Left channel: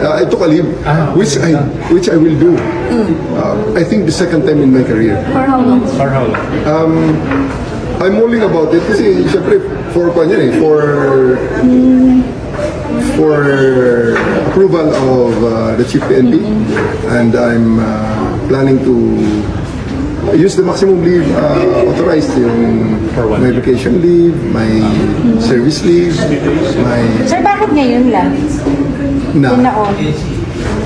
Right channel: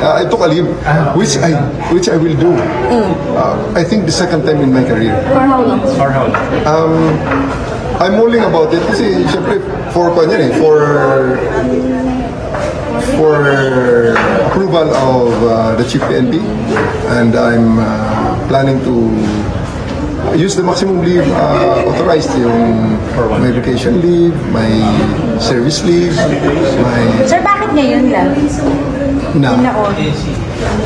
I took a leave, which I will do. I think the second time in my career. For how long? For how long? I'm mulling about it kasi syempre for approval of the Chief PNP, and I'm planning to use the maximum leave authorized, yung my vacation leave, my service leave, my... Sir, bakit ngayon lang?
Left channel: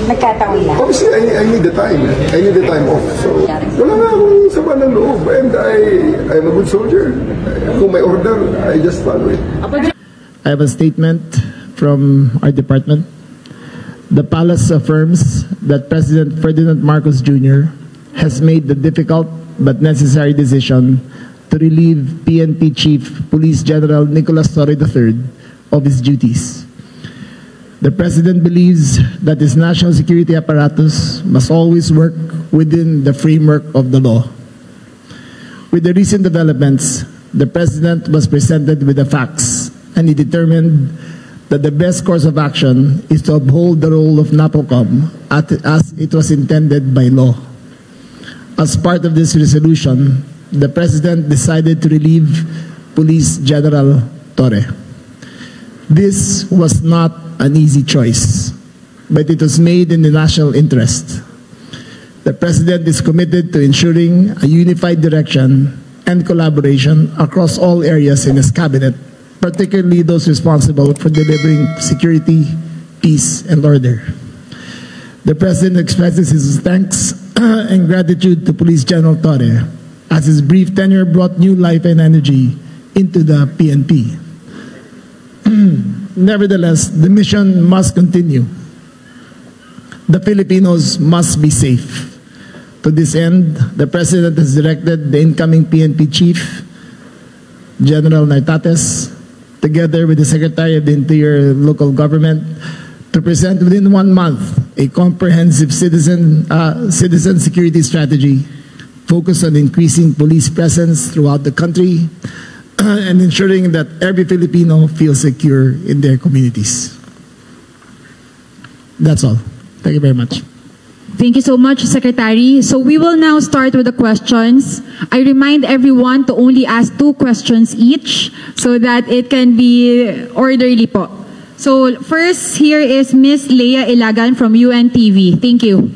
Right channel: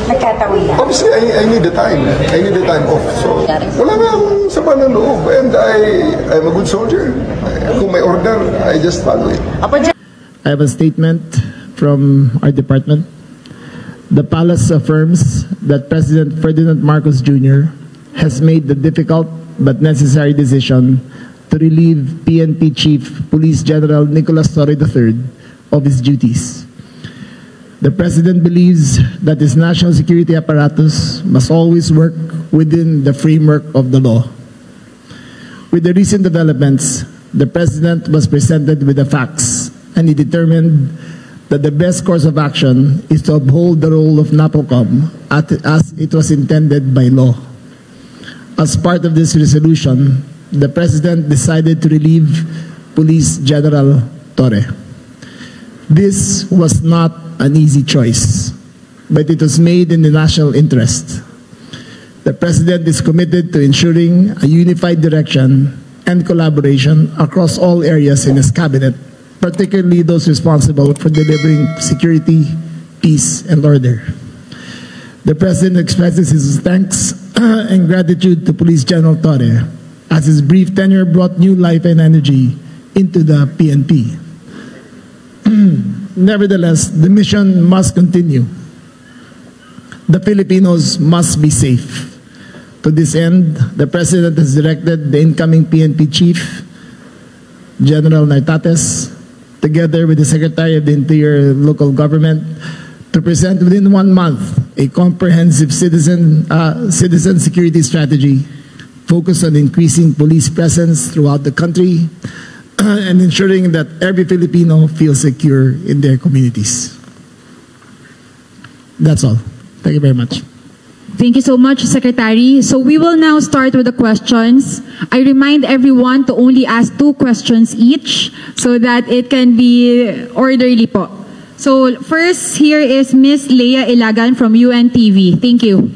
Nagkataon lang. Obviously, I need the time. I need the time off. So, wala nga akong sama ng loob. And I'm a good soldier. Kung may order, I just follow it. I have a statement from our department. The palace affirms that President Ferdinand Marcos Jr. has made the difficult but necessary decision to relieve PNP Chief Police General Nicolas Torre III of his duties. The President believes that his national security apparatus must always work within the framework of the law. With the recent developments, the President was presented with the facts, and he determined that the best course of action is to uphold the role of NAPOCOM as it was intended by law. As part of this resolution, the President decided to relieve Police General Torre. This was not an easy choice, but it was made in the national interest. The President is committed to ensuring a unified direction and collaboration across all areas in his cabinet, particularly those responsible for delivering security, peace, and order. The President expresses his thanks and gratitude to Police General Torre, as his brief tenure brought new life and energy into the PNP. Nevertheless, the mission must continue. The Filipinos must be safe. To this end, the President has directed the incoming PNP Chief, General Nartates, together with the Secretary of the Interior Local Government, to present within 1 month a comprehensive citizen security strategy focused on increasing police presence throughout the country and ensuring that every Filipino feels secure in their communities. That's all. Thank you very much. Thank you so much, Secretary. So we will now start with the questions. I remind everyone to only ask 2 questions each so that it can be orderly po. So first, here is Ms. Leia Ilagan from UNTV. Thank you.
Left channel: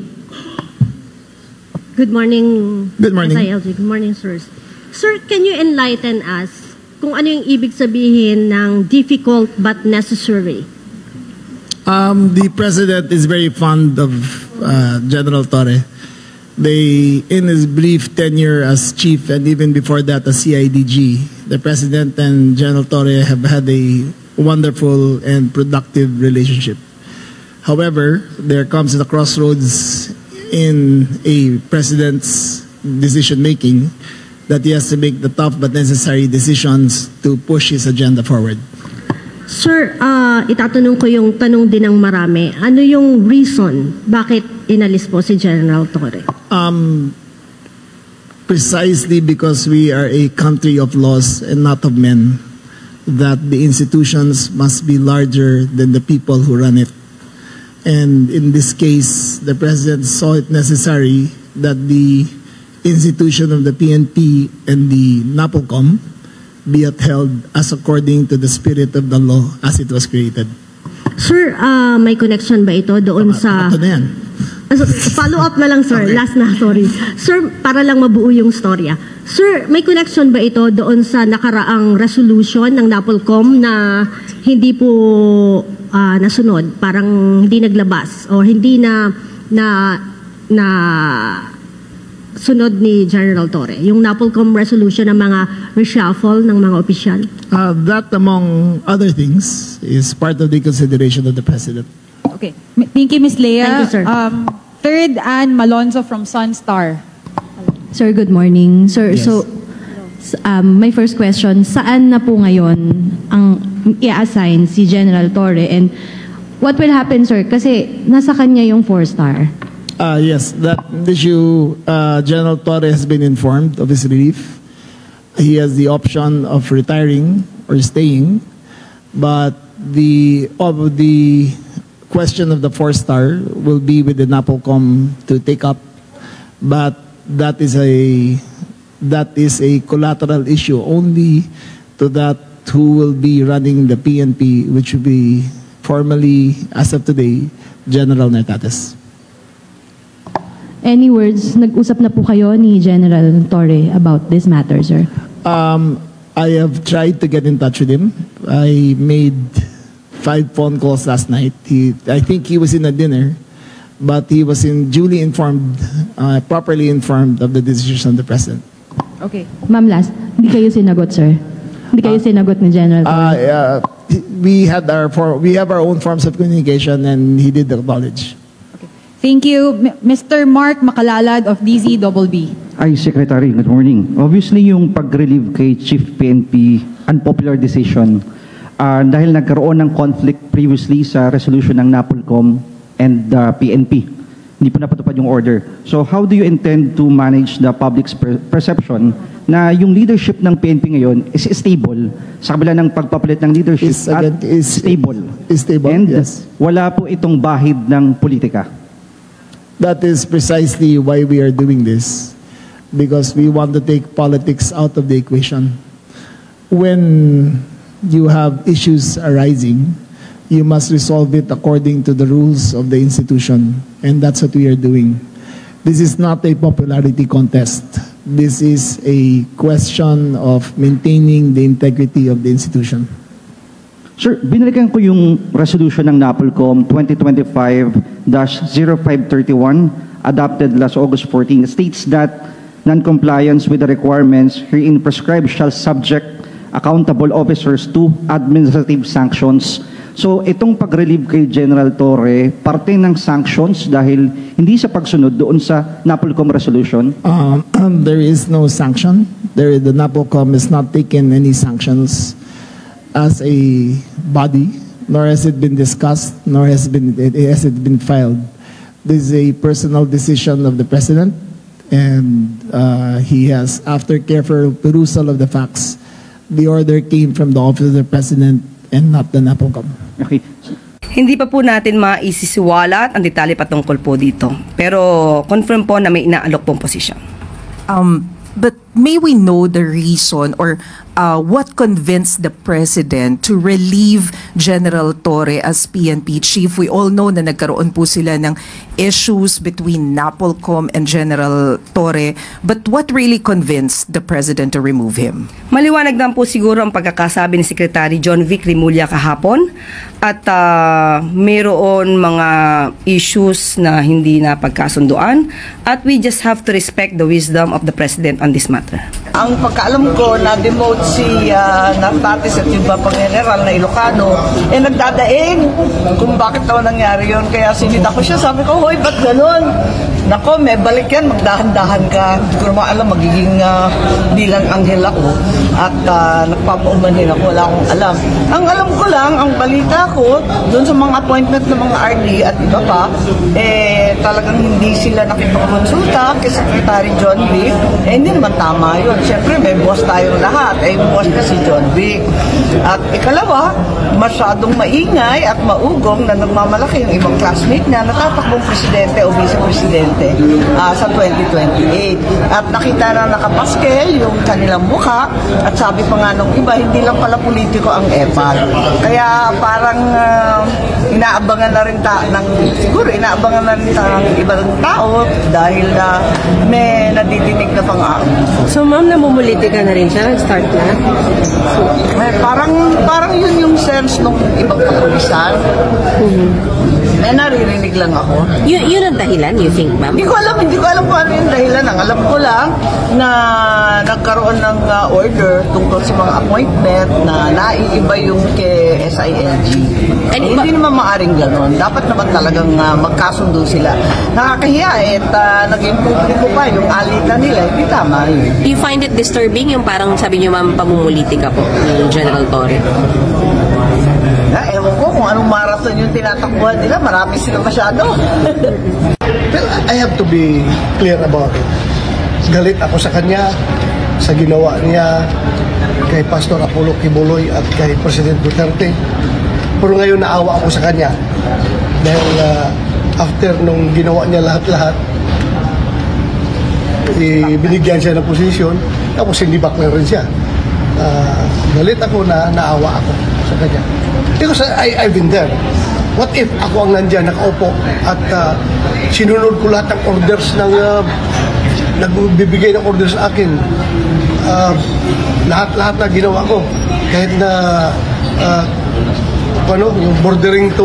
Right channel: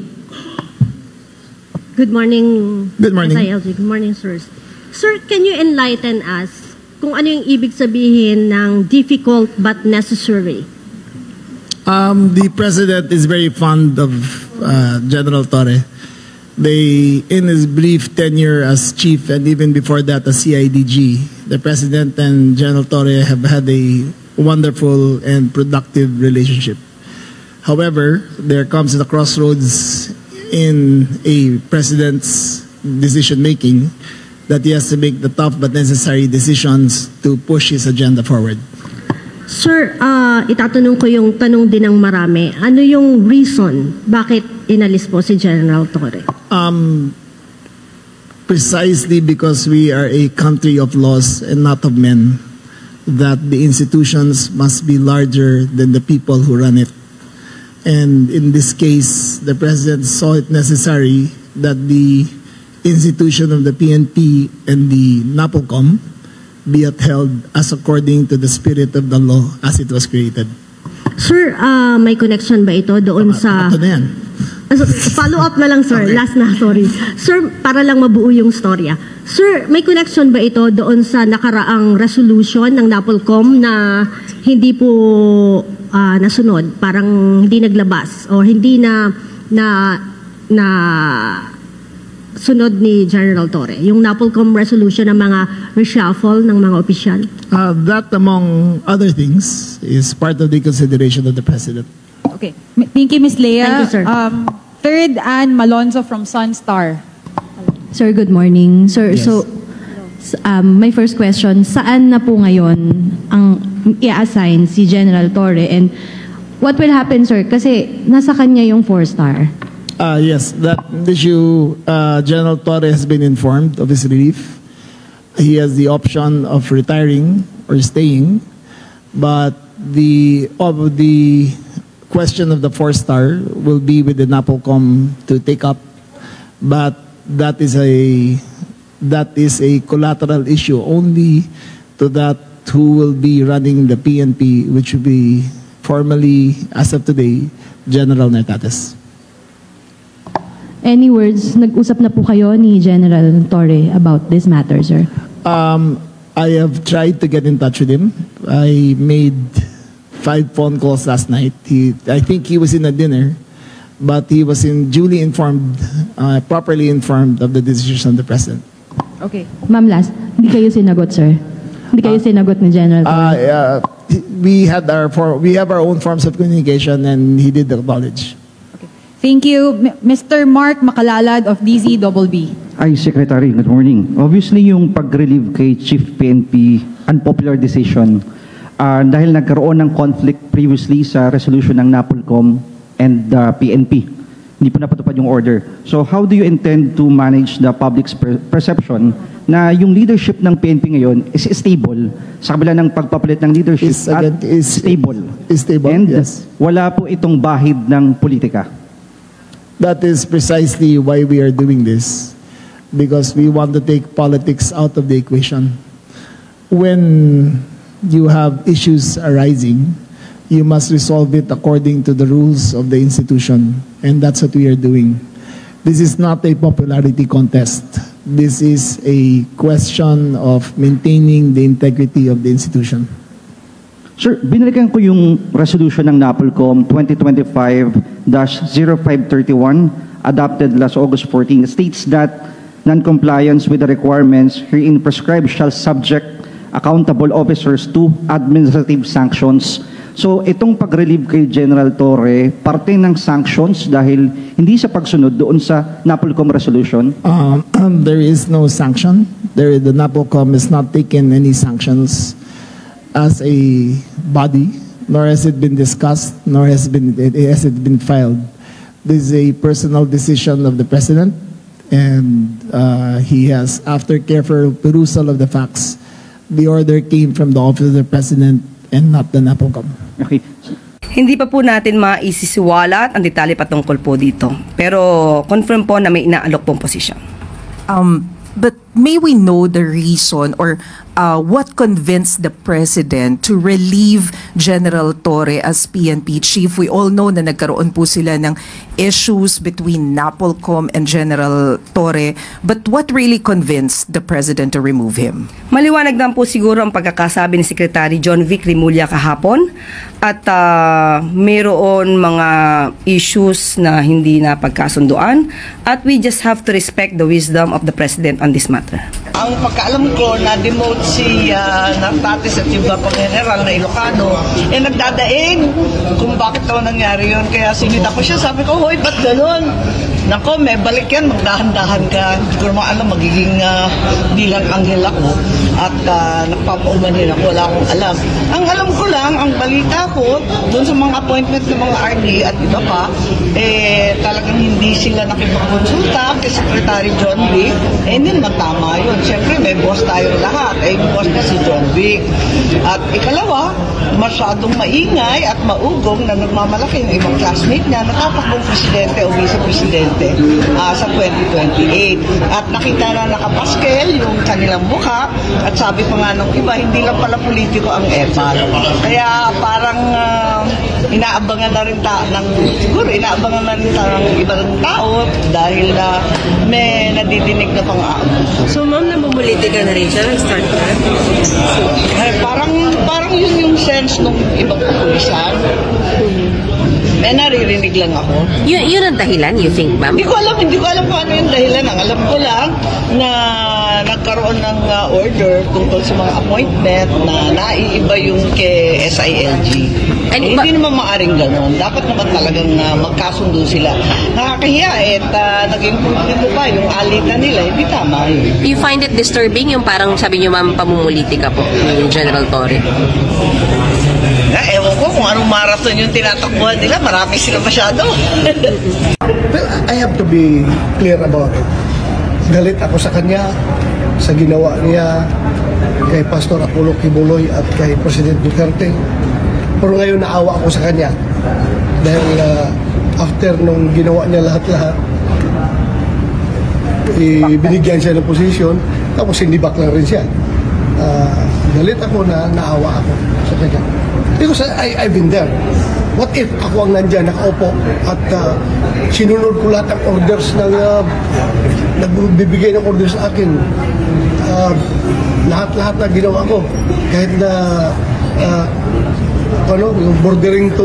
Good morning. Good morning. SILG. Good morning, sirs. Sir, can you enlighten us kung ano yung ibig sabihin ng difficult but necessary? The President is very fond of General Torre. In his brief tenure as chief and even before that as CIDG, the President and General Torre have had a wonderful and productive relationship. However, there comes a crossroads in a President's decision-making that he has to make the tough but necessary decisions to push his agenda forward. Sir, itatanong ko yung tanong din ng marami. Ano yung reason bakit inalis po si General Torre? Precisely because we are a country of laws and not of men, that the institutions must be larger than the people who run it. And in this case, the President saw it necessary that the institution of the PNP and the NAPOCOM be upheld as according to the spirit of the law as it was created. Sir, may connection ba ito doon sa... Ito na yan. Follow up na lang, sir. Okay. Last na, sorry. Sir, para lang mabuo yung storya. Sir, may connection ba ito doon sa nakaraang resolution ng NAPOLCOM na hindi po nasunod, parang hindi naglabas o hindi na sunod ni General Torre? Yung NAPOLCOM resolution ng mga reshuffle ng mga opisyal? That, among other things, is part of the consideration of the President. Okay. Thank you, Ms. Leia. Thank you, sir. Third, Ann Malonzo from Sunstar. Sir, good morning. Sir, yes. So, my first question, saan na po ngayon ang i-assign si General Torre? And what will happen, sir? Kasi nasa kanya yung 4-star. Yes, that issue, General Torre has been informed of his relief. He has the option of retiring or staying, but the question of the 4-star will be with the NAPOLCOM to take up, but that is a collateral issue only to that who will be running the PNP, which will be formally, as of today, General Narcates. Any words, nag-usap na po kayo ni General Torre about this matter, sir? I have tried to get in touch with him. I made 5 phone calls last night. I think he was in a dinner, but he was duly informed, properly informed of the decision of the President. Okay. Ma'am, last, hindi kayo sinagot, sir? Hindi kayo sinagot ni General Torre? We have our own forms of communication, and he did acknowledge. Thank you, Mr. Mark Makalalad of DZBB. Ay, Secretary, good morning. Obviously, yung pag-relieve kay Chief PNP, unpopular decision, dahil nagkaroon ng conflict previously sa resolution ng NAPOLCOM and the PNP. Hindi po napatupad yung order. So, how do you intend to manage the public's perception na yung leadership ng PNP ngayon is stable sa kabila ng pagpapalit ng leadership stable? And yes. Wala po itong bahid ng politika. That is precisely why we are doing this, because we want to take politics out of the equation. When you have issues arising, you must resolve it according to the rules of the institution, and that's what we are doing. This is not a popularity contest. This is a question of maintaining the integrity of the institution. Sir, binalikan ko yung resolution ng NAPOLCOM 2025-0531 adopted last August 14 states that non-compliance with the requirements herein prescribed shall subject accountable officers to administrative sanctions. So itong pag-relieve kay General Torre, parte ng sanctions dahil hindi sa pagsunod doon sa NAPOLCOM resolution? There is no sanction. The NAPOLCOM has not taken any sanctions as a body, nor has it been discussed, nor has it been filed. This is a personal decision of the President, and he has, after careful perusal of the facts, the order came from the Office of the President and not the NAPOLCOM. Okay. Hindi pa po natin maisisiwalat ang detalye patungkol po dito. Pero confirm po na may inaalok pong posisyon. But may we know the reason or what convinced the President to relieve General Torre as PNP Chief? We all know na nagkaroon po sila ng issues between NAPOLCOM and General Torre. But what really convinced the President to remove him? Maliwanag lang po siguro ang pagkakasabi ni Secretary John Vic Rimulya kahapon at mayroon mga issues na hindi na pagkasunduan at we just have to respect the wisdom of the President on this matter. Ang pagkaalam ko na-demote si Narcates at yung Bapang General na Ilocano, nagdadaing kung bakit daw nangyari yun. Kaya sinita ko siya, sabi ko, hoy, ba't ganun? Nako, may balik yan, magdahan-dahan ka. Hindi ko naman alam, magiging dilang anghel ako at nagpapaumanhin ako, wala akong alam. Ang alam ko lang, ang balita ko, doon sa mga appointment ng mga RD at iba pa, talagang hindi sila nakipagkonsulta kay Secretary John Vic. Hindi naman tama yun. Siyempre, may boss tayong lahat. Boss na si John Vic. At ikalawa, masyadong maingay at maugong na nagmamalaki yung ibang classmate niya na tatakbong presidente o vice-presidente sa 2028. At nakita na nakapaske yung kanilang mukha at sabi pa nga nung iba, hindi lang pala politiko ang EPAL. Kaya parang inaabangan na rin siguro inaabangan na rin ng ibang tao dahil may nadidinig na pang-aam. So ma'am, namumuliti ka na rin siya? Start na? Parang yun yung sense ng ibang kapulisan. May naririnig lang ako. Yun ang dahilan, you think, ma'am? Hindi ko alam kung ano yung dahilan. Ang alam ko lang na nagkaroon ng order tungkol sa mga appointment na naiiba yung kay SILG. Hindi naman maaring gano'n. Dapat naman talagang magkasundo sila. Nakakahiya naging publiko pa yung alitan nila. Hindi tama yun. You find it disturbing yung parang sabi niyo, ma'am, pamumuliti ka po ni General Torre? Ewan ko kung anong marathon yung tinatakbuhan nila. Marami sila masyado. Well, I have to be clear about it. Galit ako sa kanya, sa ginawa niya kay Pastor Apollo Kibuloy at kay President Duterte. Pero ngayon naawa ako sa kanya Dahil after nung ginawa niya lahat-lahat, binigyan siya ng posisyon, tapos sinibak na rin siya. Galit ako na naawa ako sa kanya. Because I've been there. What if ako ang nandyan, nakaupo, at sinunod ko lahat ng orders ng nagbibigay ng orders sa akin. Lahat na ginawa ko. Kahit na yung bordering to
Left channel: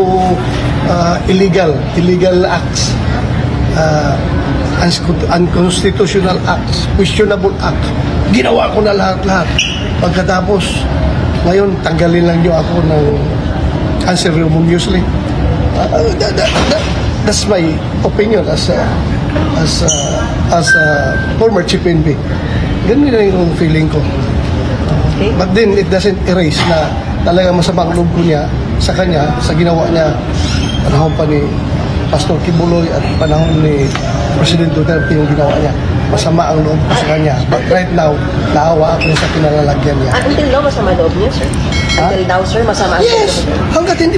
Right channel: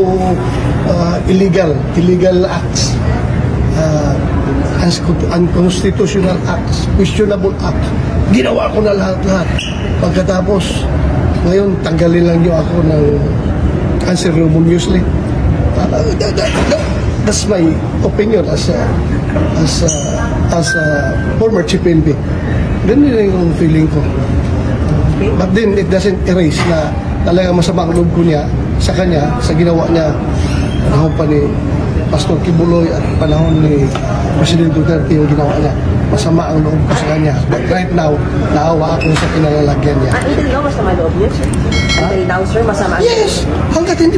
illegal acts, unconstitutional acts, questionable acts. Ginawa ko na lahat-lahat. Pagkatapos, ngayon, tanggalin lang niyo ako ng unceremoniously. That's my opinion as a former chief PNP. Ganun na yung feeling ko. Okay. But then, it doesn't erase na talagang masamang loob ko niya sa kanya, sa ginawa niya panahon pa ni Pastor Kibuloy at panahon ni President Duterte yung ginawa niya. Masama ang loob ko sa kanya. But right now, naawa ako sa kinalalagyan niya. Until now, masama loob niya, sir? Until now, sir, masama ang loob niya? Yes! Hanggat hindi